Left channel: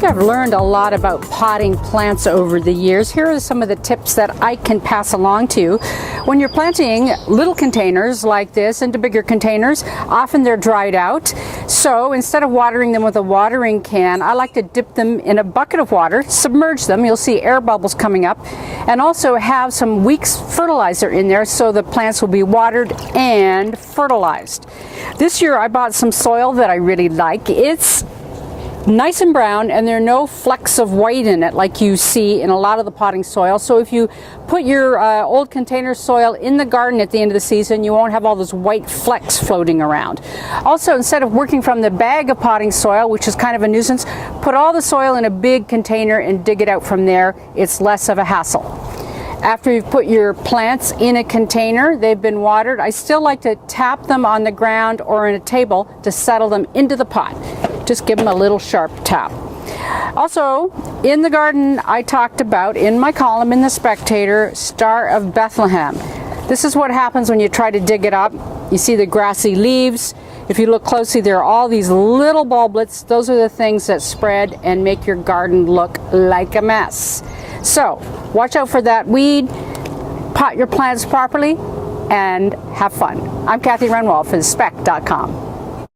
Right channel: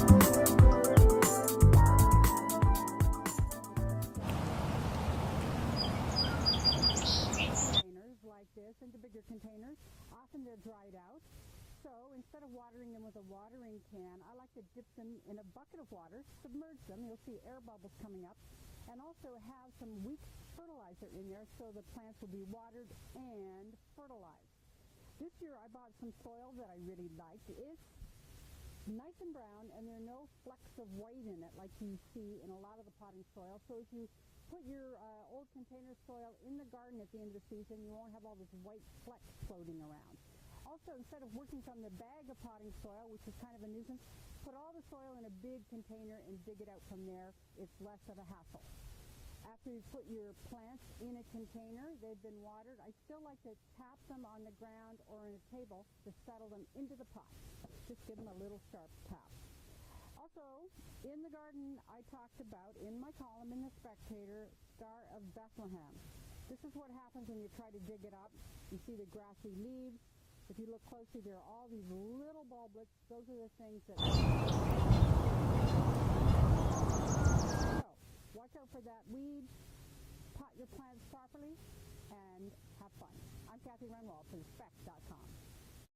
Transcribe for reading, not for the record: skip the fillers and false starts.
think I've learned a lot about potting plants over the years. Here are some of the tips that I can pass along to you. When you're planting little containers like this into bigger containers, often they're dried out. So instead of watering them with a watering can, I like to dip them in a bucket of water, submerge them, you'll see air bubbles coming up, and also have some weeks fertilizer in there so the plants will be watered and fertilized. This year I bought some soil that I really like. It's nice and brown, and there are no flecks of white in it like you see in a lot of the potting soil. So if you put your old container soil in the garden at the end of the season, you won't have all those white flecks floating around. Also, instead of working from the bag of potting soil, which is kind of a nuisance, put all the soil in a big container and dig it out from there. It's less of a hassle. After you've put your plants in a container, they've been watered, I still like to tap them on the ground or in a table to settle them into the pot. Just give them a little sharp tap. Also, in the garden, I talked about, in my column in The Spectator, Star of Bethlehem. This is what happens when you try to dig it up. You see the grassy leaves. If you look closely, there are all these little bulblets. Those are the things that spread and make your garden look like a mess. So, watch out for that weed, pot your plants properly, and have fun. I'm Kathy Renwald for thespec.com.